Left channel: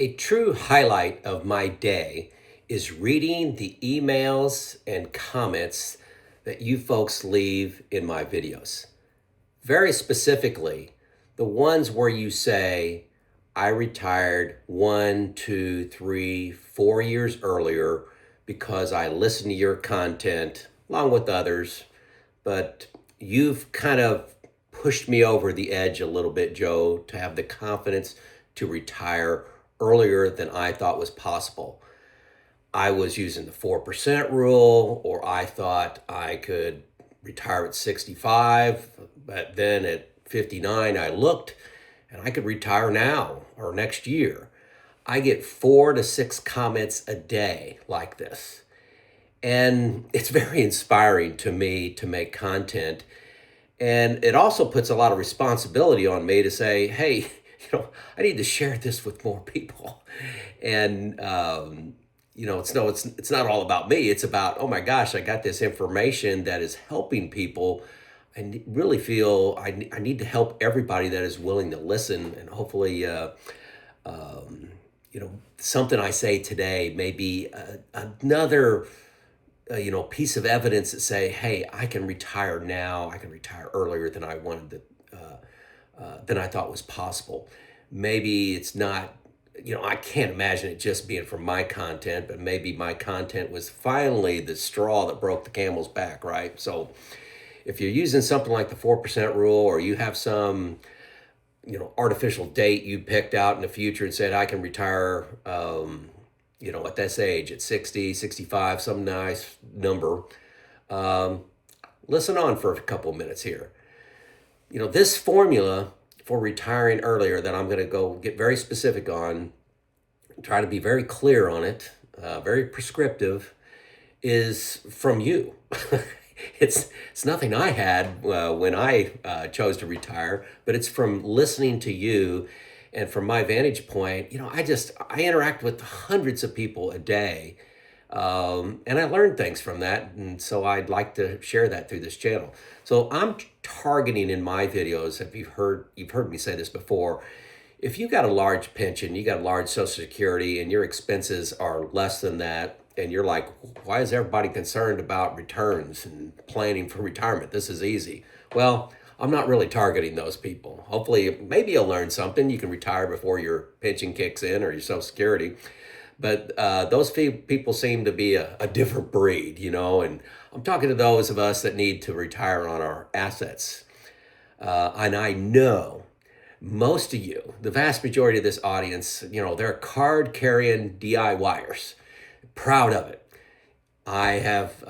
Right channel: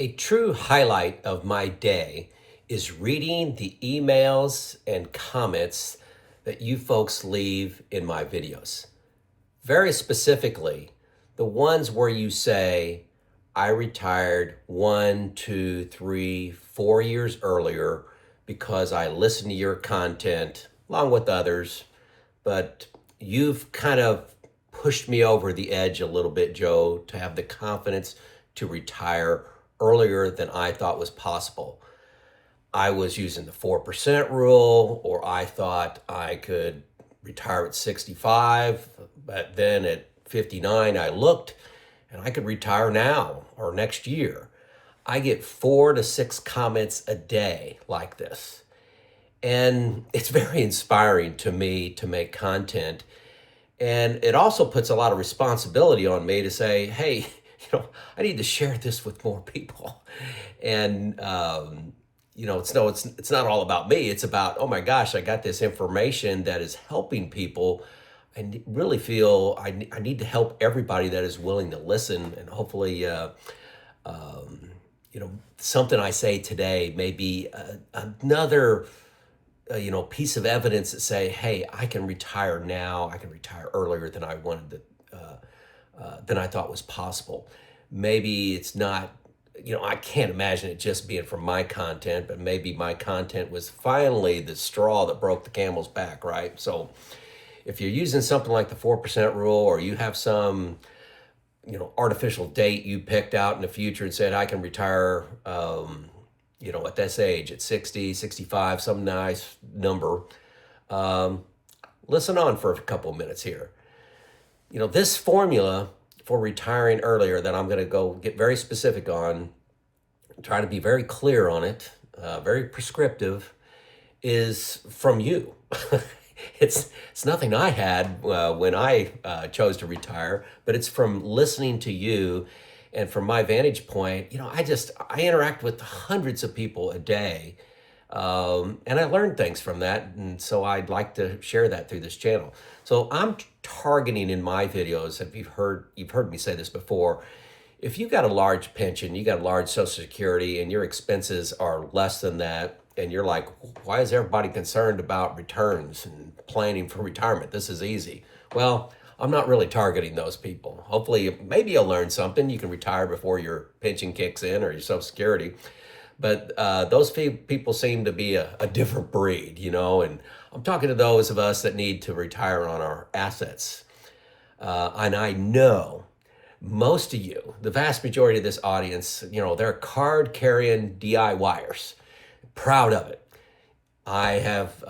A true highlight of my day is reading the emails and comments that you folks leave in my videos. Very specifically, the ones where you say, I retired 1, 2, 3, 4 years earlier because I listened to your content along with others, but you've kind of pushed me over the edge a little bit, Joe, to have the confidence to retire earlier than I thought was possible. I was using the 4% rule, or I thought I could retire at 65, but then at 59, I looked and I could retire now or next year. I get 4 to 6 comments a day like this. And it's very inspiring to me to make content. And it also puts a lot of responsibility on me to say, hey, I need to share this with more people. And, it's not all about me. It's about, oh my gosh, I got this information that is helping people. I really feel I need to help everybody that is willing to listen. And hopefully, something I say today may be another piece of evidence that say, hey, I can retire now. I can retire earlier than I wanted to, than I thought was possible. Maybe it's not, I can't imagine it just being from my content, but maybe my content was finally the straw that broke the camel's back, right? So if you're using something like the 4% rule, or you have some, artificial date you picked out in the future and said, I can retire, at this age, at 60, 65, some nice number. Listen on for a couple minutes here. This formula for retiring earlier that I'm going to go get very specific on, try to be very clear on it, very prescriptive, is from you. It's nothing I had when I chose to retire, but it's from listening to you. And from my vantage point, I interact with hundreds of people a day, and I learn things from that. And so I'd like to share that through this channel. So I'm targeting in my videos, if you've heard me say this before, if you got a large pension, you got a large Social Security, and your expenses are less than that, and you're like, why is everybody concerned about returns and planning for retirement? This is easy. Well, I'm not really targeting those people. Hopefully, maybe you'll learn something. You can retire before your pension kicks in or your Social Security. But those people seem to be a different breed, and I'm talking to those of us that need to retire on our assets. And I know most of you, the vast majority of this audience, they're card-carrying DIYers. Proud of it. I have,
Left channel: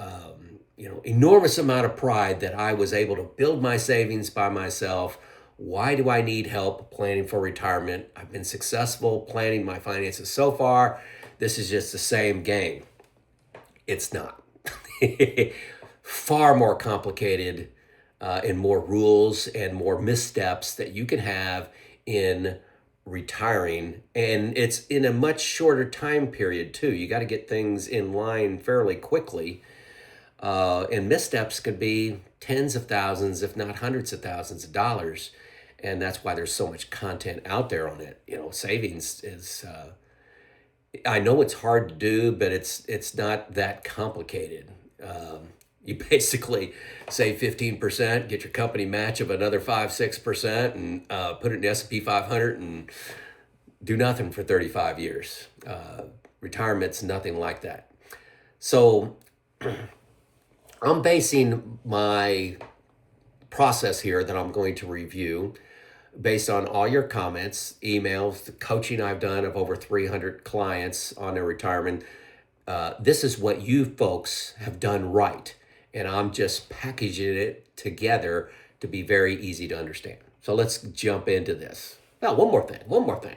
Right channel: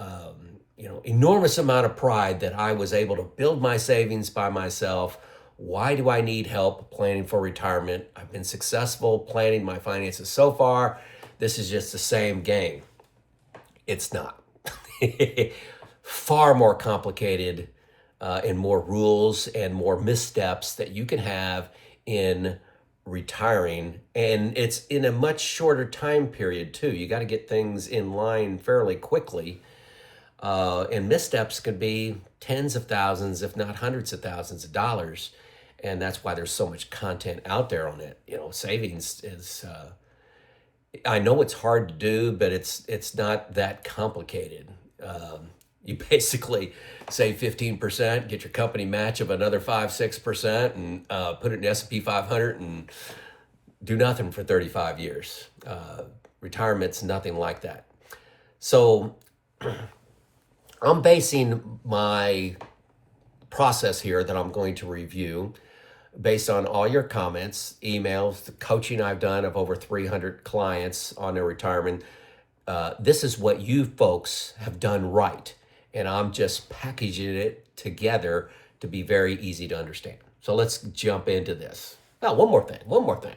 enormous amount of pride that I was able to build my savings by myself. Why do I need help planning for retirement? I've been successful planning my finances so far. This is just the same game. It's not. Far more complicated and more rules and more missteps that you can have in retiring, and it's in a much shorter time period too. You got to get things in line fairly quickly, and missteps could be tens of thousands, if not hundreds of thousands of dollars, and that's why there's so much content out there on it. Savings is I know it's hard to do, but it's not that complicated. You basically save 15%, get your company match of another 5-6%, and put it in the S&P 500 and do nothing for 35 years. Retirement's nothing like that. So I'm basing my process here that I'm going to review based on all your comments, emails, the coaching I've done of over 300 clients on their retirement. This is what you folks have done right. And I'm just packaging it together to be very easy to understand. So let's jump into this. Now, one more thing.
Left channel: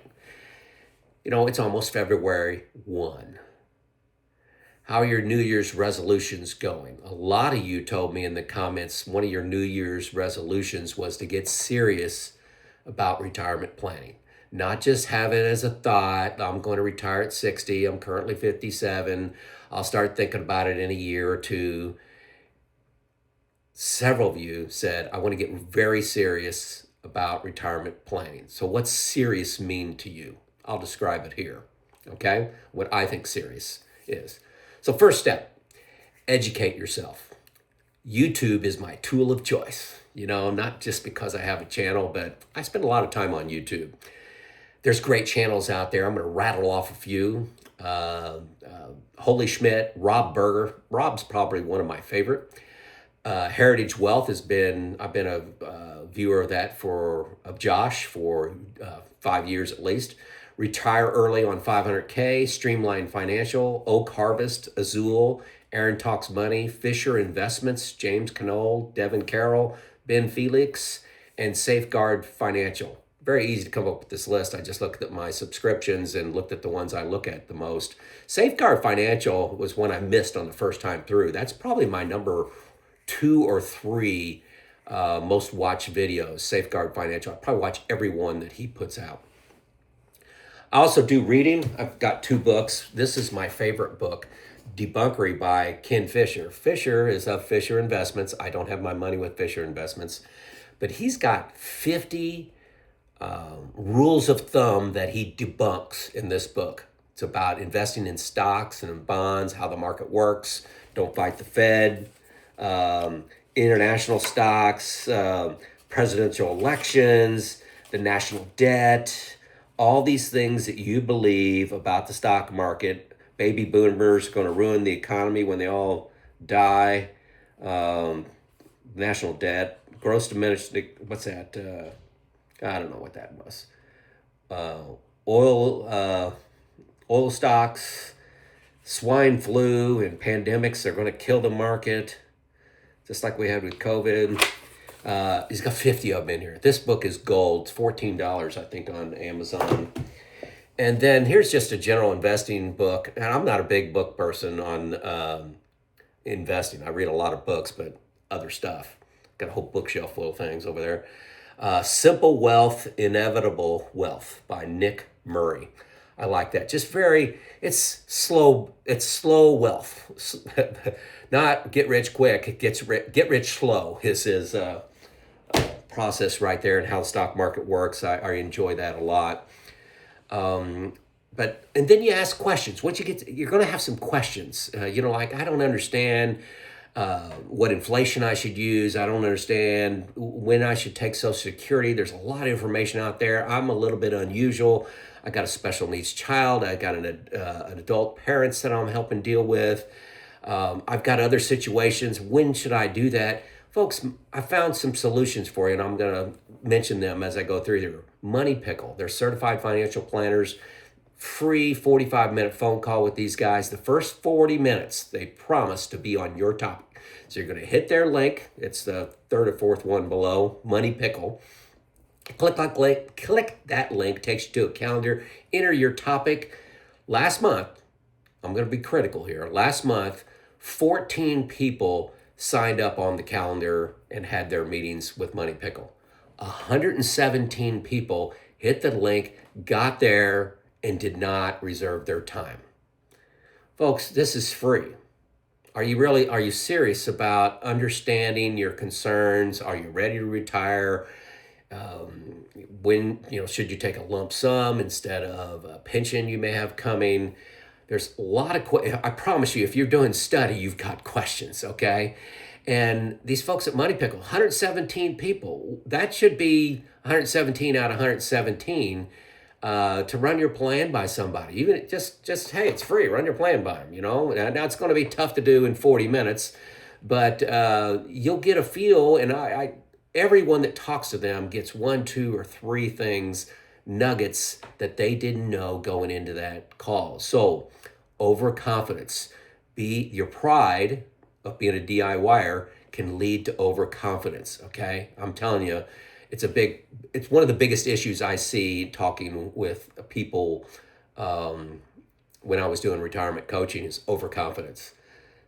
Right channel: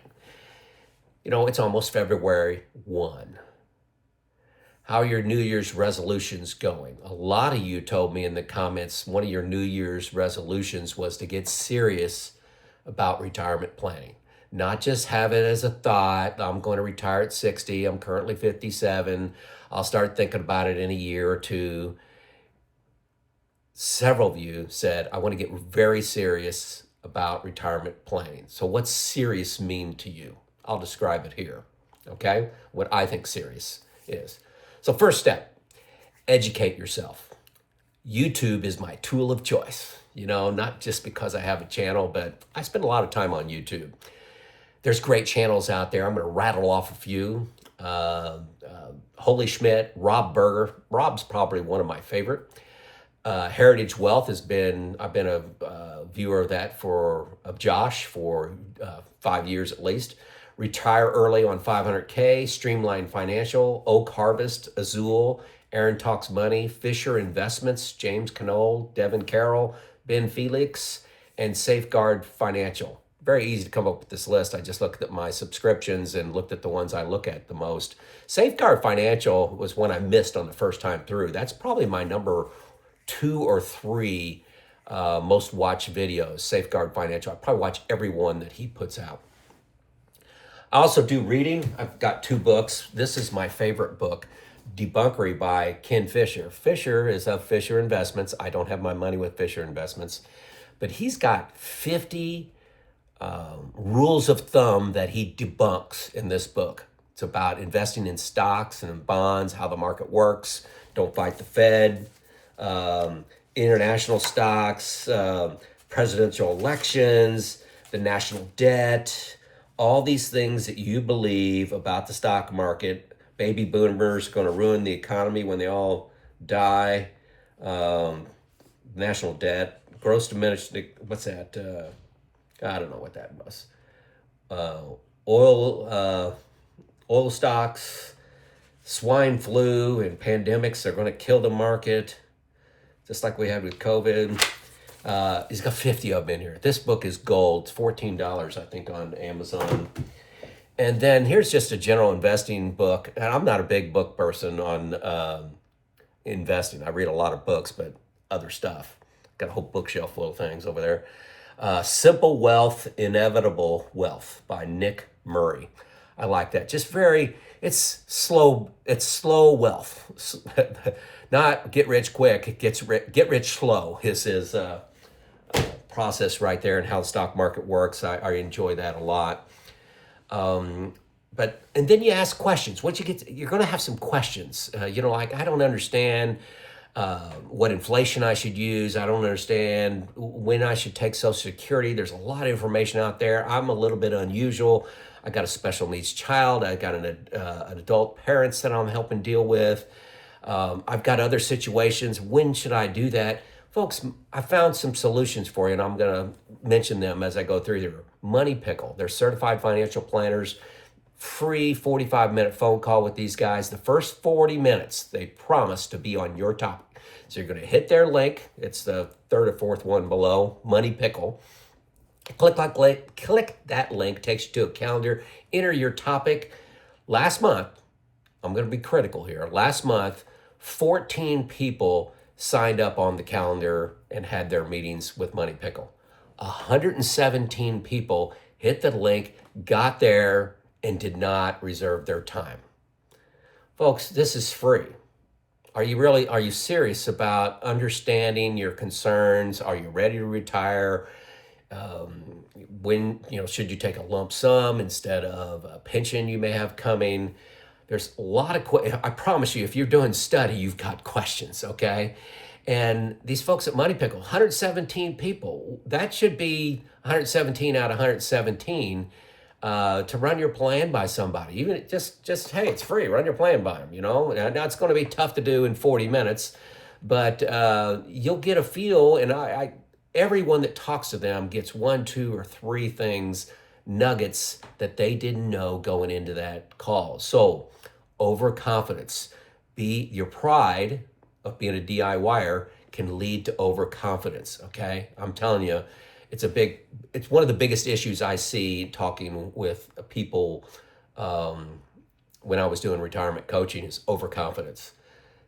It's almost February 1. How are your New Year's resolutions going? A lot of you told me in the comments one of your New Year's resolutions was to get serious about retirement planning. Not just have it as a thought, I'm going to retire at 60, I'm currently 57, I'll start thinking about it in a year or two. Several of you said, I want to get very serious about retirement planning. So what's serious mean to you? I'll describe it here, okay? What I think serious is. So first step, educate yourself. YouTube is my tool of choice. Not just because I have a channel, but I spend a lot of time on YouTube. There's great channels out there. I'm going to rattle off a few. Holy Schmidt, Berger. Rob's probably one of my favorite. Heritage Wealth I've been a viewer of that of Josh for 5 years at least. Retire Early on 500K, Streamline Financial, Oak Harvest, Azul, Erin Talks Money, Fisher Investments, James Canole, Devin Carroll, Felix, and Safeguard Financial. Very easy to come up with this list. I just looked at my subscriptions and looked at the ones I look at the most. Safeguard Financial was one I missed on the first time through. That's probably my number 2 or 3 most watched videos, Safeguard Financial. I probably watch every one that he puts out. I also do reading. I've got 2 books. This is my favorite book, Debunkery by Ken Fisher. Fisher is of Fisher Investments. I don't have my money with Fisher Investments, but he's got 50 rules of thumb that he debunks in this book. It's about investing in stocks and in bonds, how the market works, don't fight the Fed, international stocks, presidential elections, the national debt, all these things that you believe about the stock market. Baby boomers are going to ruin the economy when they all die. National debt, gross diminished, what's that? I don't know what that was. Oil stocks, swine flu, and pandemics are going to kill the market, just like we had with COVID. He's got 50 of them in here. This book is gold. It's $14, I think, on Amazon. And then here's just a general investing book. And I'm not a big book person on investing. I read a lot of books, but other stuff. Got a whole bookshelf full of things over there. Simple Wealth, Inevitable Wealth by Nick Murray. I like that. It's slow wealth. Not get rich quick, get rich slow is his process right there, and how the stock market works. I enjoy that a lot. And then you ask questions. You're going to have some questions. Like, I don't understand what inflation I should use. I don't understand when I should take Social Security. There's a lot of information out there. I'm a little bit unusual. I got a special needs child. I got an adult parents that I'm helping deal with. I've got other situations. When should I do that? Folks, I found some solutions for you, and I'm going to mention them as I go through here. Money Pickle. They're certified financial planners. Free 45-minute phone call with these guys. The first 40 minutes, they promise to be on your topic. So you're going to hit their link. It's the 3rd or 4th one below, Money Pickle. Click that link, takes you to a calendar. Enter your topic. Last month, I'm going to be critical here. Last month, 14 people signed up on the calendar and had their meetings with Money Pickle. 117 people hit the link, got there, and did not reserve their time. Folks, this is free. Are you serious about understanding your concerns? Are you ready to retire? Should you take a lump sum instead of a pension you may have coming? There's a lot of I promise you, if you're doing study, you've got questions, okay? And these folks at Money Pickle, 117 people, that should be 117 out of 117 to run your plan by somebody. Even just hey, it's free, run your plan by them, Now it's going to be tough to do in 40 minutes, but you'll get a feel, and everyone that talks to them gets 1, 2, or 3 things, nuggets that they didn't know going into that call. So overconfidence, your pride of being a DIYer can lead to overconfidence, okay? I'm telling you, it's one of the biggest issues I see talking with people when I was doing retirement coaching is overconfidence.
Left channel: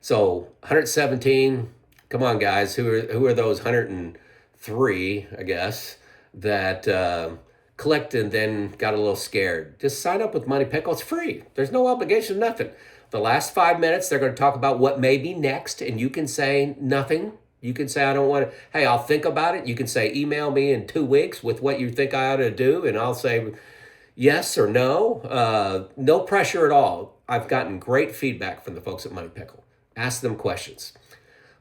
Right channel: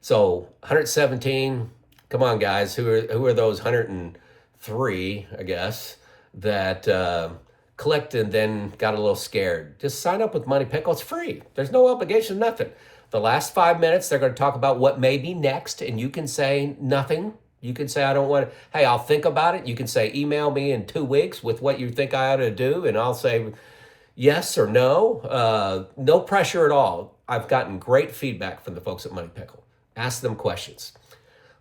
So 117, come on guys, who are those 103, I guess, that clicked and then got a little scared? Just sign up with Money Pickle. It's free. There's no obligation, nothing. The last 5 minutes, they're going to talk about what may be next, and you can say nothing. You can say, I don't want to, hey, I'll think about it. You can say, email me in 2 weeks with what you think I ought to do, and I'll say, Yes or no? No pressure at all. I've gotten great feedback from the folks at Money Pickle. Ask them questions.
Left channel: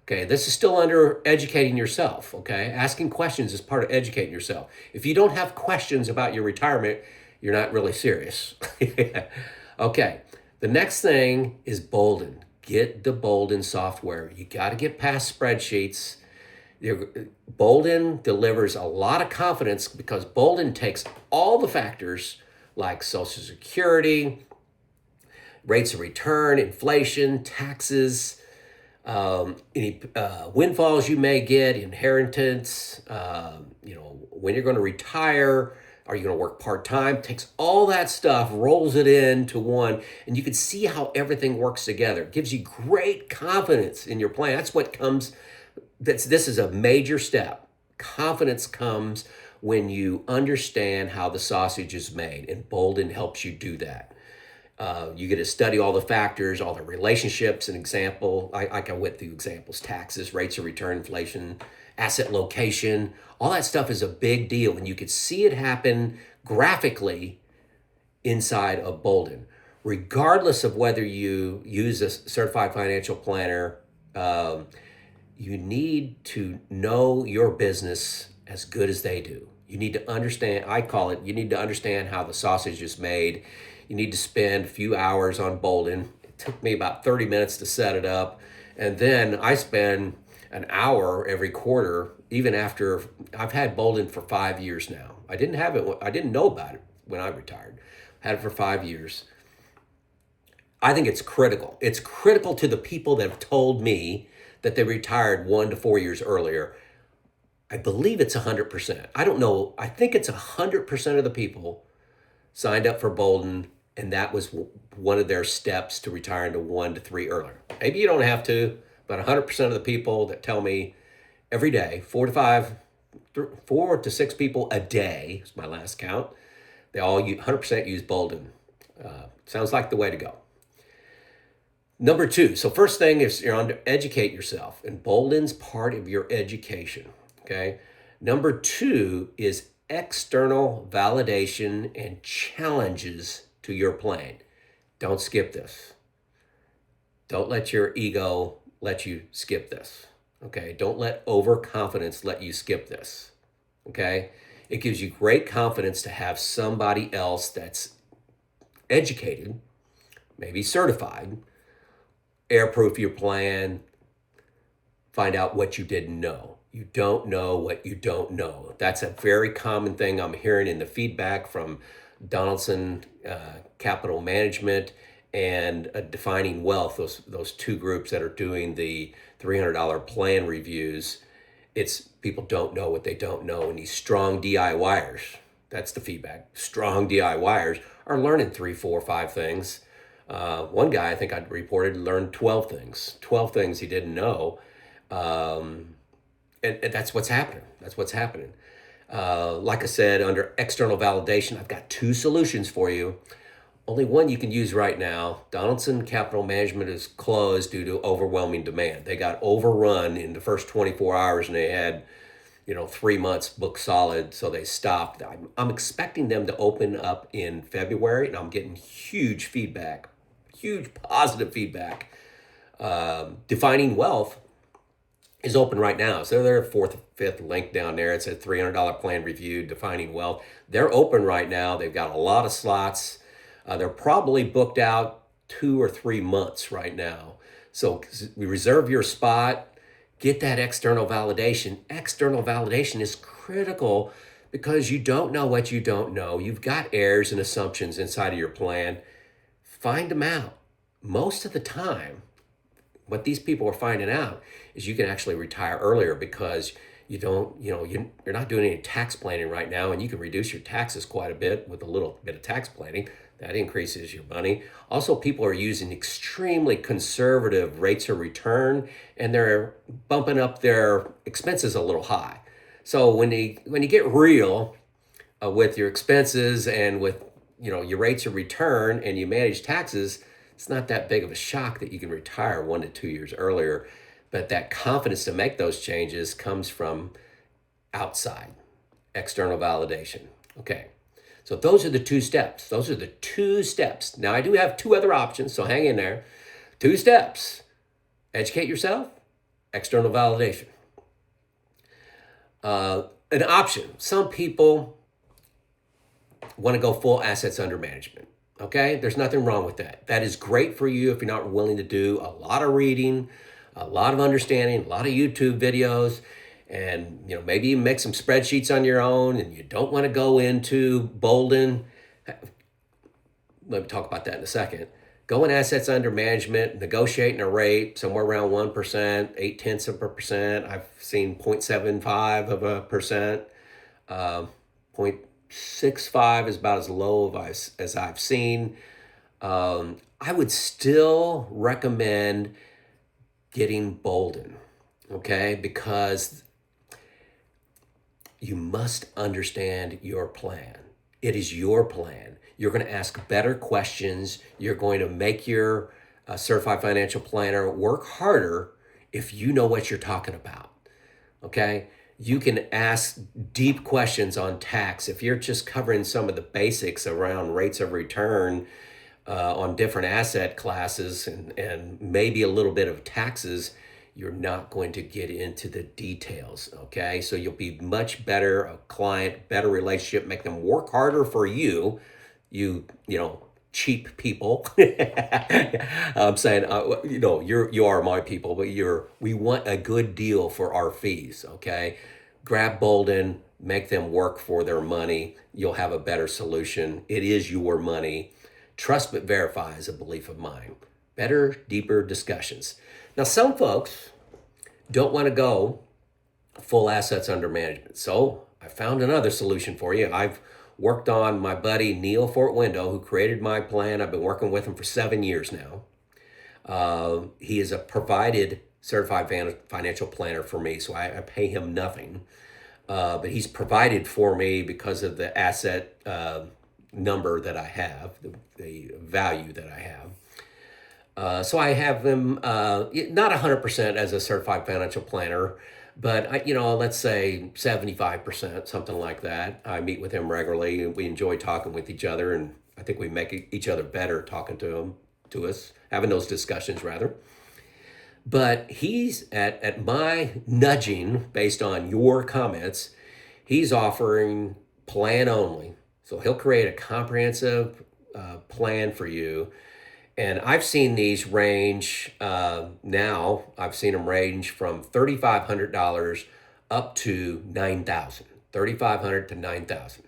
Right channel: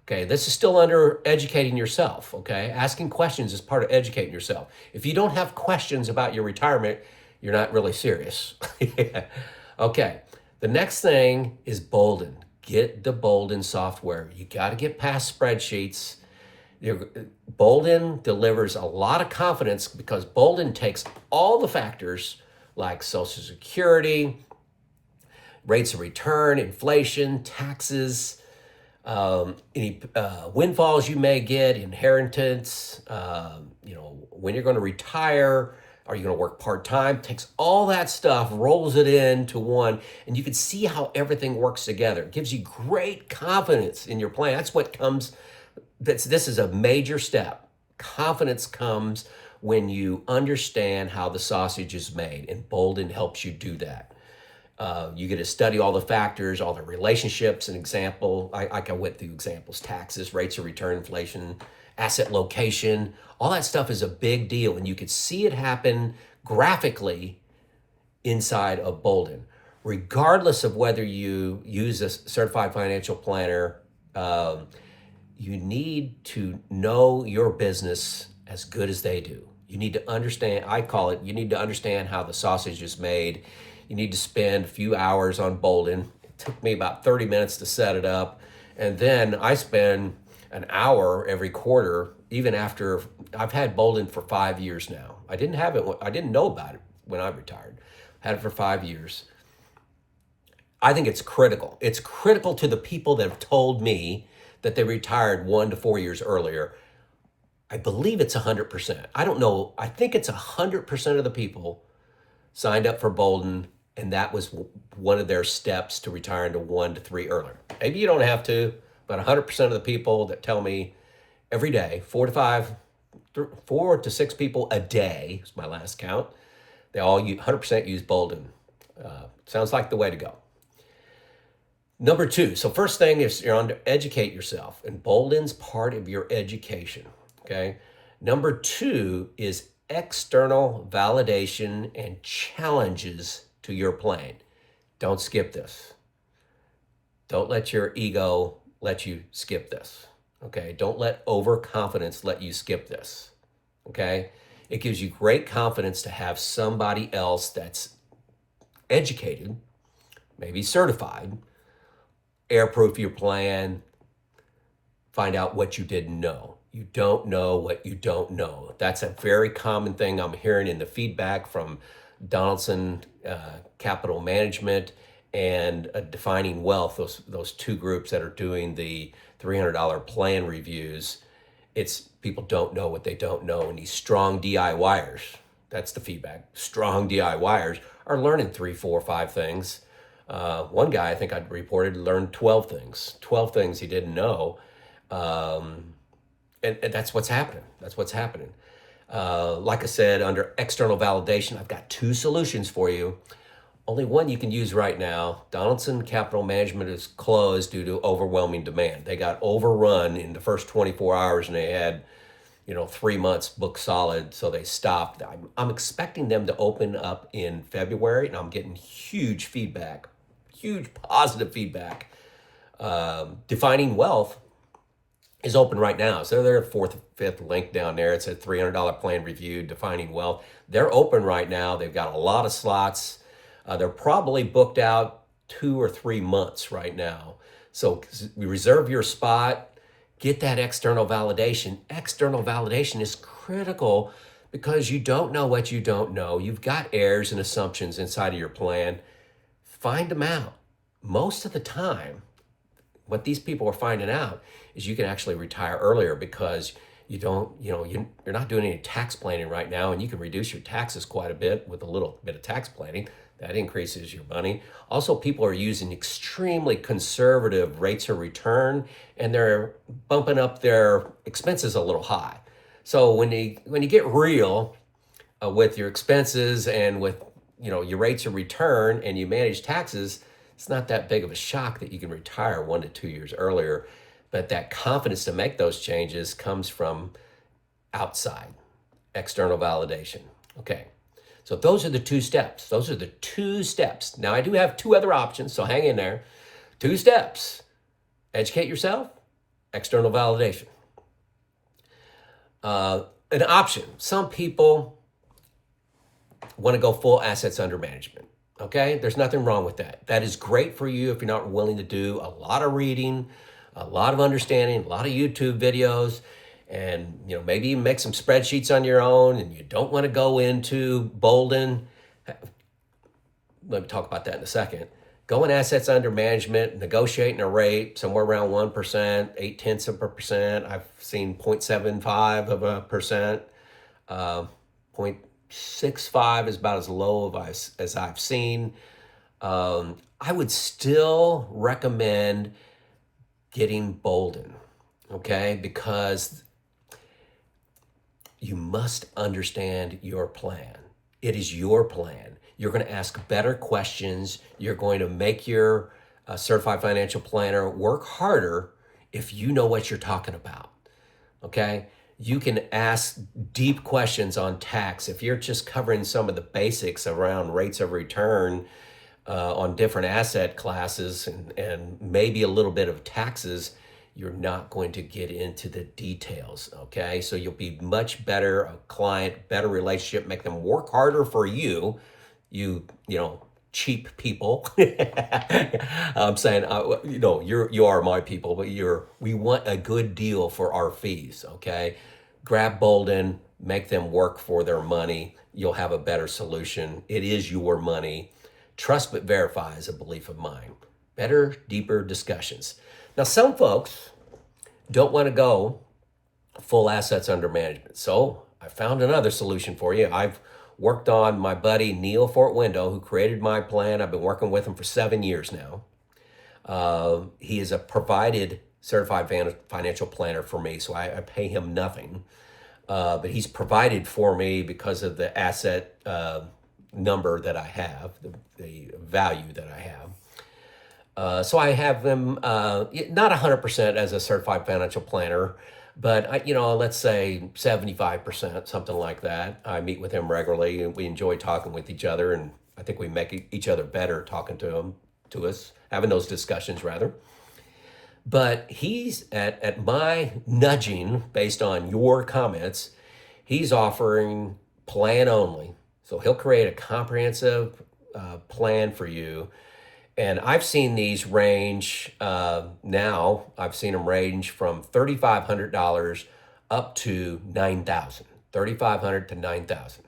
Okay, this is still under educating yourself. Okay, asking questions is part of educating yourself. If you don't have questions about your retirement, you're not really serious. Okay, the next thing is Boldin. Get the Boldin software. You got to get past spreadsheets. Boldin delivers a lot of confidence because Boldin takes all the factors like Social Security, rates of return, inflation, taxes, any windfalls you may get, inheritance, when you're going to retire, are you going to work part-time? Takes all that stuff, rolls it into one, and you can see how everything works together. It gives you great confidence in your plan. That's what comes, this is a major step. Confidence comes when you understand how the sausage is made, and Boldin helps you do that. You get to study all the factors, all the relationships. An example, I went through examples: taxes, rates of return, inflation, asset location. All that stuff is a big deal, and you could see it happen graphically inside of Boldin. Regardless of whether you use a certified financial planner, you need to know your business as good as they do. You need to understand, I call it, you need to understand how the sausage is made. You need to spend a few hours on Boldin. It took me about 30 minutes to set it up. And then I spend an hour every quarter, even after I've had Boldin for 5 years now. I didn't know about it when I retired. Had it for 5 years. I think it's critical. It's critical to the people that have told me that they retired 1 to 4 years earlier. I believe it's 100%. I don't know. I think it's 100% of the people signed up for Boldin, and that was one of their steps to retiring to 1 to 3 earlier. Maybe you don't have to, but 100% of the people that tell me every day, 4 to 6 people a day is my last count. They all 100% use Boldin. Sounds like the way to go. Number 2, so first thing is you're on to educate yourself, and Boldin's part of your education, okay? Number 2 is external validation and challenges to your plan. Don't skip this. Don't let your ego let you skip this, okay? Don't let overconfidence let you skip this, okay? It gives you great confidence to have somebody else that's educated, maybe certified, airproof your plan, find out what you didn't know. You don't know what you don't know. That's a very common thing I'm hearing in the feedback from Donaldson Capital Management and Defining Wealth, those two groups that are doing the $300 plan reviews. It's people don't know what they don't know, and these strong DIYers, that's the feedback. Strong DIYers are learning 3, 4, 5 things. One guy, I think I reported, learned 12 things he didn't know. And that's what's happening. That's what's happening. Like I said, under external validation, I've got 2 solutions for you. Only one you can use right now. Donaldson Capital Management is closed due to overwhelming demand. They got overrun in the first 24 hours and they had, 3 months booked solid, so they stopped. I'm expecting them to open up in February, and I'm getting huge feedback, huge positive feedback. Defining Wealth is open right now. So they're 4th, 5th link down there. It said $300 plan review, Defining Wealth. They're open right now. They've got a lot of slots. They're probably booked out 2 or 3 months right now. So reserve your spot, get that external validation. External validation is critical because you don't know what you don't know. You've got errors and assumptions inside of your plan. Find them out. Most of the time, what these people are finding out is you can actually retire earlier because you're not doing any tax planning right now, and you can reduce your taxes quite a bit with a little bit of tax planning. That increases your money. Also, people are using extremely conservative rates of return, and they're bumping up their expenses a little high. So when you get real with your expenses and with your rates of return, and you manage taxes, it's not that big of a shock that you can retire 1 to 2 years earlier. But that confidence to make those changes comes from outside, external validation. Okay, So those are the 2 steps. Those are the 2 steps. Now, I do have 2 other options, so hang in there. 2 steps. Educate yourself, external validation. An option. Some people want to go full assets under management. Okay, there's nothing wrong with that. That is great for you if you're not willing to do a lot of reading, a lot of understanding, a lot of YouTube videos, and maybe you make some spreadsheets on your own, and you don't want to go into Boldin. Let me talk about that in a second. Go in assets under management, negotiating a rate somewhere around 1%, 0.8%. I've seen 0.75%. 0.65 is about as low as I've seen. I would still recommend getting Boldin, okay? Because you must understand your plan. It is your plan. You're going to ask better questions. You're going to make your certified financial planner work harder if you know what you're talking about, okay? You can ask deep questions on tax. If you're just covering some of the basics around rates of return on different asset classes and maybe a little bit of taxes, you're not going to get into the details, okay? So you'll be much better a client, better relationship, make them work harder for you, you cheap people. I'm saying, you are my people, but we want a good deal for our fees, okay? Grab Boldin, make them work for their money. You'll have a better solution. It is your money. Trust but verify is a belief of mine. Better, deeper discussions. Now, some folks don't want to go full assets under management. So I found another solution for you. I've worked on my buddy Neil Fort Window, who created my plan. I've been working with him for 7 years now. He is a provided certified financial planner for me, so I pay him nothing. But he's provided for me because of the asset number that I have, the value that I have. So I have him not 100% as a certified financial planner, but let's say 75%, something like that. I meet with him regularly, and we enjoy talking with each other, and I think we make each other better talking to us, having those discussions rather. But he's at my nudging, based on your comments, he's offering plan only. So he'll create a comprehensive plan for you. And I've seen these range now. I've seen them range from $3,500 up to $9,000. $3,500 to $9,000.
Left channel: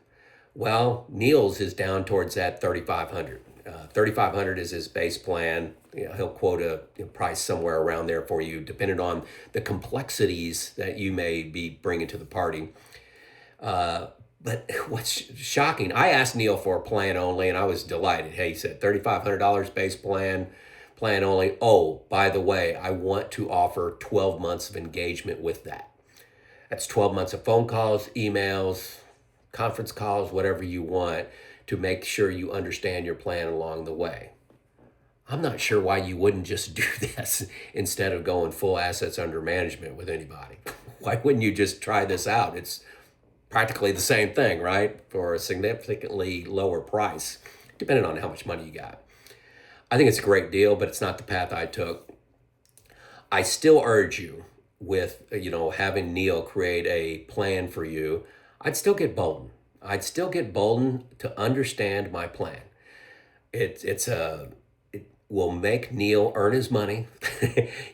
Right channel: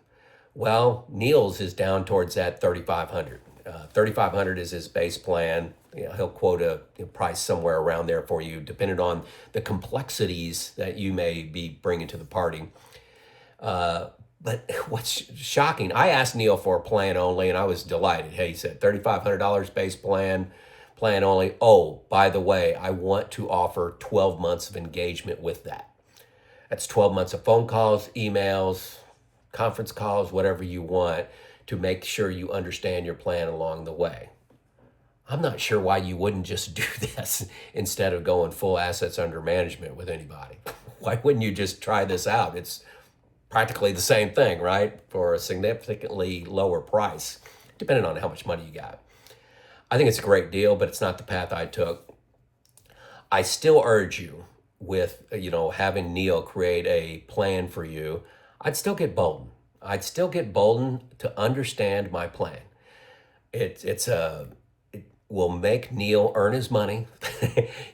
Well, Neil's is down towards that $3,500. $3,500 is his base plan. He'll quote a price somewhere around there for you, depending on the complexities that you may be bringing to the party. But what's shocking, I asked Neil for a plan only, and I was delighted. Hey, he said $3,500 base plan only. Oh, by the way, I want to offer 12 months of engagement with that. That's 12 months of phone calls, emails, conference calls, whatever you want, to make sure you understand your plan along the way. I'm not sure why you wouldn't just do this instead of going full assets under management with anybody. Why wouldn't you just try this out? It's practically the same thing, right? For a significantly lower price, depending on how much money you got. I think it's a great deal, but it's not the path I took. I still urge you with, having Neil create a plan for you. I'd still get Boldin. I'd still get Boldin to understand my plan. It will make Neil earn his money.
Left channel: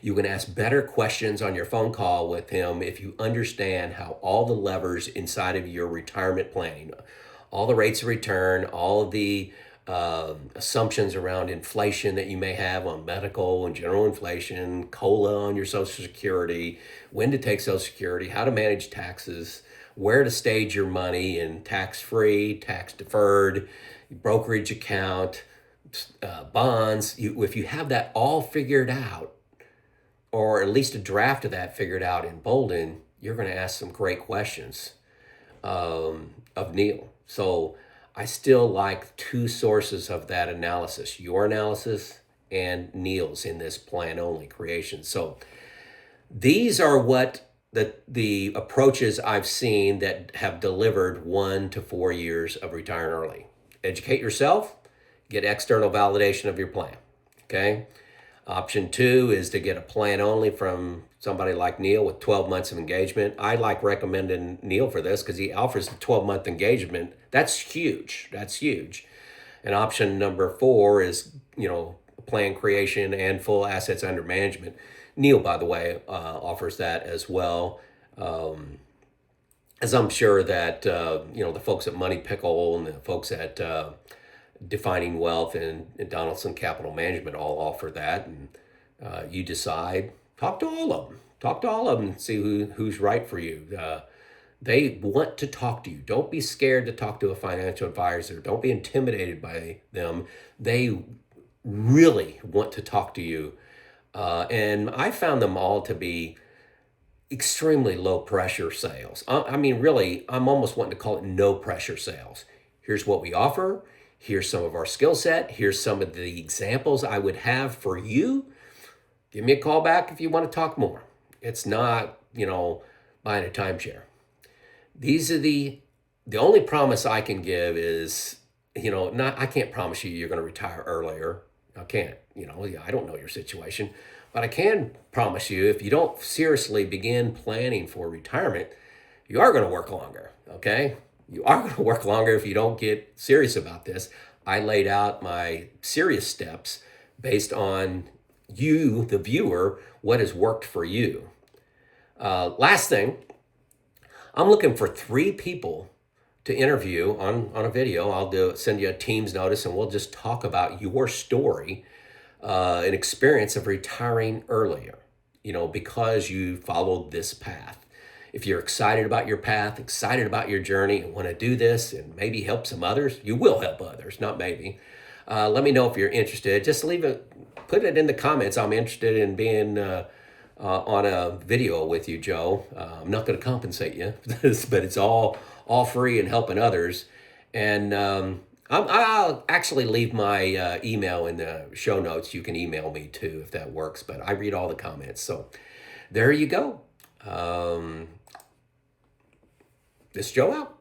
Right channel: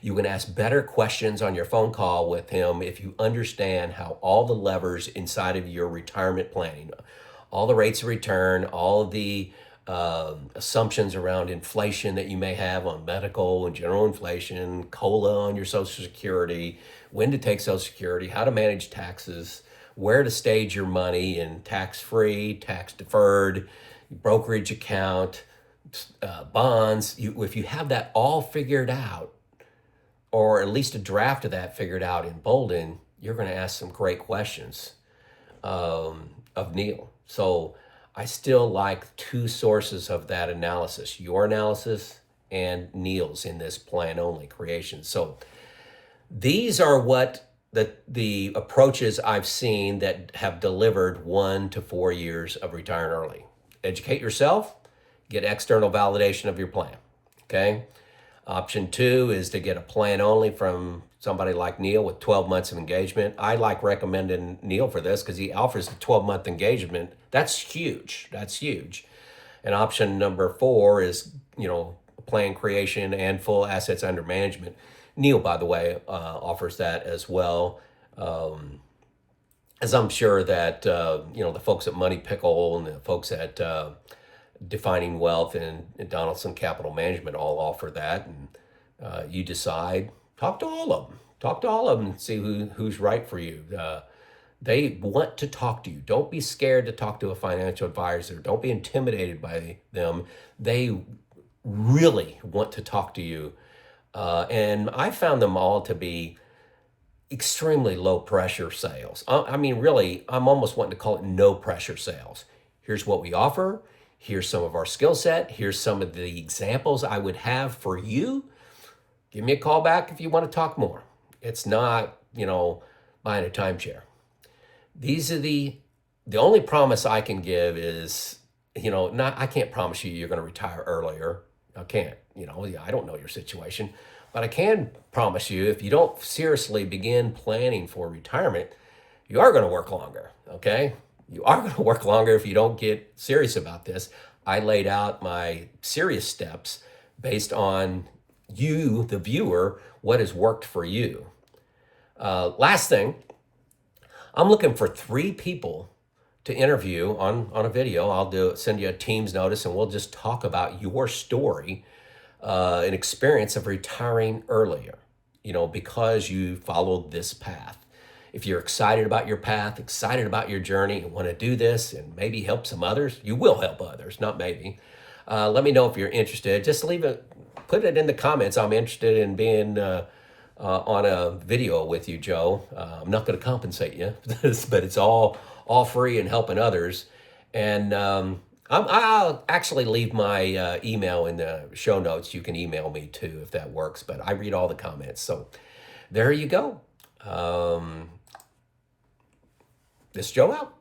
You can ask better questions on your phone call with him if you understand how all the levers inside of your retirement planning, all the rates of return, all of the assumptions around inflation that you may have on medical and general inflation, COLA on your Social Security, when to take Social Security, how to manage taxes, where to stage your money in tax-free, tax-deferred, brokerage account, bonds. If you have that all figured out, or at least a draft of that figured out in Boldin, you're going to ask some great questions of Neil. So I still like 2 sources of that analysis, your analysis and Neil's in this plan only creation. So these are what the approaches I've seen that have delivered 1 to 4 years of retiring early. Educate yourself, get external validation of your plan. Okay. Option two is to get a plan only from somebody like Neil with 12 months of engagement. I like recommending Neil for this because he offers a 12-month engagement. That's huge. That's huge. And option number four is, plan creation and full assets under management. Neil, by the way, offers that as well. As I'm sure that, the folks at Money Pickle and the folks at Defining Wealth and Donaldson Capital Management all offer that. And you decide, talk to all of them. Talk to all of them and see who's right for you. They want to talk to you. Don't be scared to talk to a financial advisor. Don't be intimidated by them. They really want to talk to you. And I found them all to be extremely low pressure sales. I mean, really, I'm almost wanting to call it no pressure sales. Here's what we offer. Here's some of our skill set. Here's some of the examples I would have for you. Give me a call back if you want to talk more. It's not, buying a timeshare. These are the only promise I can give is, I can't promise you're going to retire earlier. I can't, I don't know your situation, but I can promise you if you don't seriously begin planning for retirement, you are going to work longer. Okay. You are going to work longer if you don't get serious about this. I laid out my serious steps based on you, the viewer, what has worked for you. Last thing, I'm looking for 3 people to interview on a video. I'll send you a Teams notice and we'll just talk about your story, an experience of retiring earlier, because you followed this path. If you're excited about your path, excited about your journey and want to do this and maybe help some others, you will help others, not maybe. Let me know if you're interested. Just put it in the comments. I'm interested in being on a video with you, Joe. I'm not going to compensate you for this, but it's all free and helping others. And I'll actually leave my email in the show notes. You can email me too if that works, but I read all the comments. So there you go. This is Joe out.